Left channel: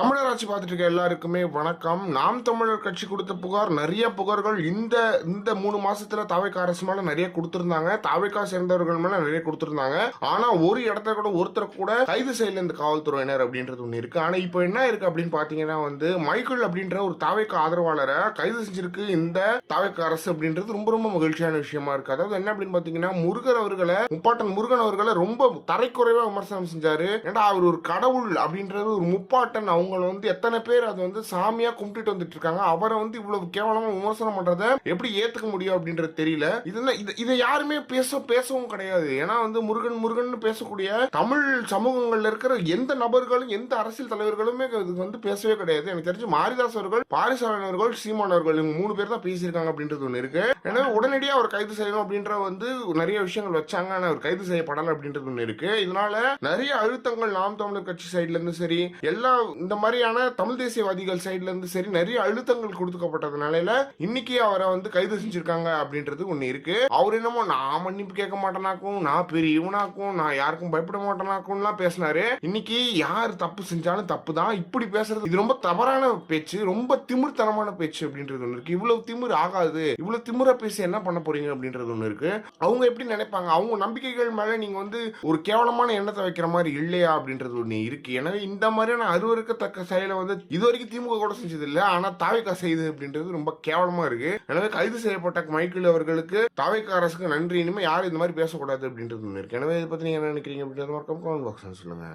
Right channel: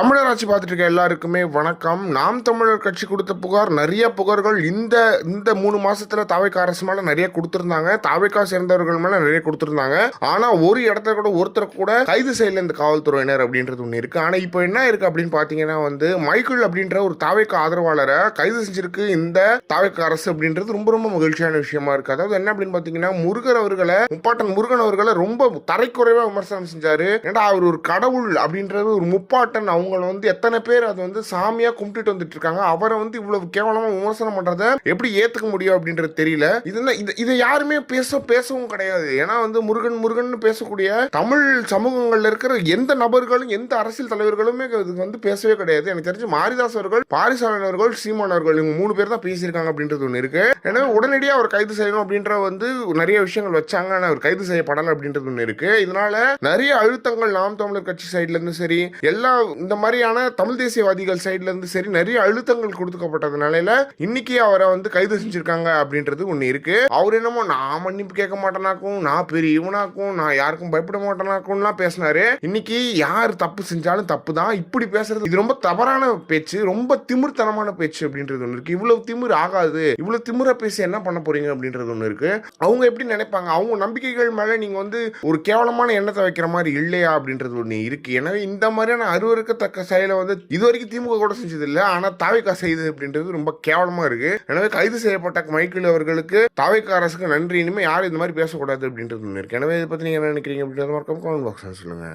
தமிழர் ஆட்சி பார்த்துட்டு இருக்க எல்லாருக்குமே வணக்கம். நாம் தமிழர் கட்சி கொடுத்த புகார், நிறைய புகார்கள் இந்த இந்த 3 மாசத்துல தாவேக்கா அரசு மேல நிறைய கொடுத்திருந்தாங்க. தாவேக்கா சேர்ந்தவர்கள் மேல நிறைய கொடுத்திருந்தாங்க. ஆனா ஒரு இடத்துல கூட ஒருத்தர் கூட கைது செய்யல இந்த காவல்துறையினர் அப்படின்றது ஒண்ணு இருக்கு. ஆனா இப்போ என்ன இருக்கு அப்படின்னு பாத்தீங்கன்னா மைக்கேல் அப்படின்ற ஒரு தாவேக்கா ஆதரவாளரை கைது செஞ்சிருக்கு இந்த தாவேக்கா அரசு அப்படின்றது ரொம்ப ரொம்ப மகிழ்ச்சியான விஷயமா இருக்கு. அதாவது என்ன அப்படின்னு பாத்தீங்கன்னா, முருகர் அவர்களை, முப்பாட்டன் முருகன் அவர்களை ரொம்ப தரைக்குறைவா விமர்சனம் செஞ்சாரு. ஏன்னா அவர் ஒரு கடவுள் அப்படின்றது, ஒரு முப்பாட்டன், அவங்க எத்தனை பேர் அது சாமியா கும்பிட்டு வந்துட்டு இருக்காங்க. அவரை இவ்வளவு கேவலமா விமர்சனம் பண்றத எப்படி ஏத்துக்க முடியும் அப்படின்றது தெரியல. இதை யாருமே பேசவும் கிடையாது. ஏன்னா முருகன் முருகன் பேசக்கூடிய தமிழ் சமூகங்கள்ல இருக்கிற எந்த நபர்களும் எந்த அரசியல் தலைவர்களுமே பேசவே கிடையாது. எனக்கு தெரிஞ்சு மாரிதாஸ் அவர்கள், பாரிசாலன் அவர்கள், சீமான் அவர்கள், இவங்க 3 பேர் தான் பேசியிருக்காங்க அப்படின்றது ஒண்ணு இருக்கு. எனவே உடனடியாக அவர் கைது செய்யணும் அப்படின்ற நிறைய விஷயங்கள் வச்சாங்க. ஆனால் அவர் கைது செய்யப்படலை அப்படின்றது ஒண்ணு இருக்கு. இதனால நிறைய அழுத்தங்கள் நாம் தமிழர் கட்சி சைட்ல இருந்து சரி, எல்லா இந்த மாதிரியான தமிழ் தேசியவாதிகள் சைட்ல இருந்து சரி நிறைய அழுத்தங்கள் கொடுக்கப்பட்டதுனால இன்னைக்கு அவரை கைது செஞ்சிருக்காங்க அப்படின்றது ஒண்ணு இருக்கு. அவர் என்னமோ நான் மன்னிப்பு கேட்க மாட்டேனாக்கும், நான் பெரிய இவனாக்கும், நான் யாருக்கும் பயப்பட மாட்டேனாக்கும்லாம் பேசினாரு. இன்னைக்கு யார் தப்பு செஞ்சாலும் தப்பு தான். இப்படி பேசுறது இது ரொம்ப தவறான பேச்சு, ரொம்ப திமிர்த்தனமான பேச்சு அப்படின்றது ஒண்ணு இருக்கு. இவ்வளவு திமிர் ஆகாது, இவ்வளவு திமிர பேசி என்ன பண்ண போறீங்க அப்படின்றது ஒண்ணு இருக்கு. அவங்க எப்படி நினைப்பாங்க, அவங்க நம்பிக்கைகள் மேல நீங்க ஒரு கேவலமான எண்ணத்தை வைக்கிற மாதிரி இல்லையா அப்படின்றது ஒண்ணு இருக்கு. எனவே இந்த மாதிரியான அருவருக்கத்தக்க செயலை இது வரைக்கும் திமுக கூட செஞ்சது இல்லை. ஆனா தாவேக்கா செய்யுது அப்படின்றது ரொம்ப கேவலமா இருக்கு. எனவே கைது செய்யப்பட்ட மைக்கேல் அவர்களுக்கு தாவேக்கா அரசுக்கு நன்றி. இனிமே யாரும் இந்த மாதிரி பேசக்கூடாது அப்படின்றது ஒண்ணு இருக்கு. எனவே இதை பத்தி நீங்க என்ன நினைக்கிறீங்க அப்படின்றது மறக்காம கமெண்ட் பாக்ஸ்ல சொல்லுங்க.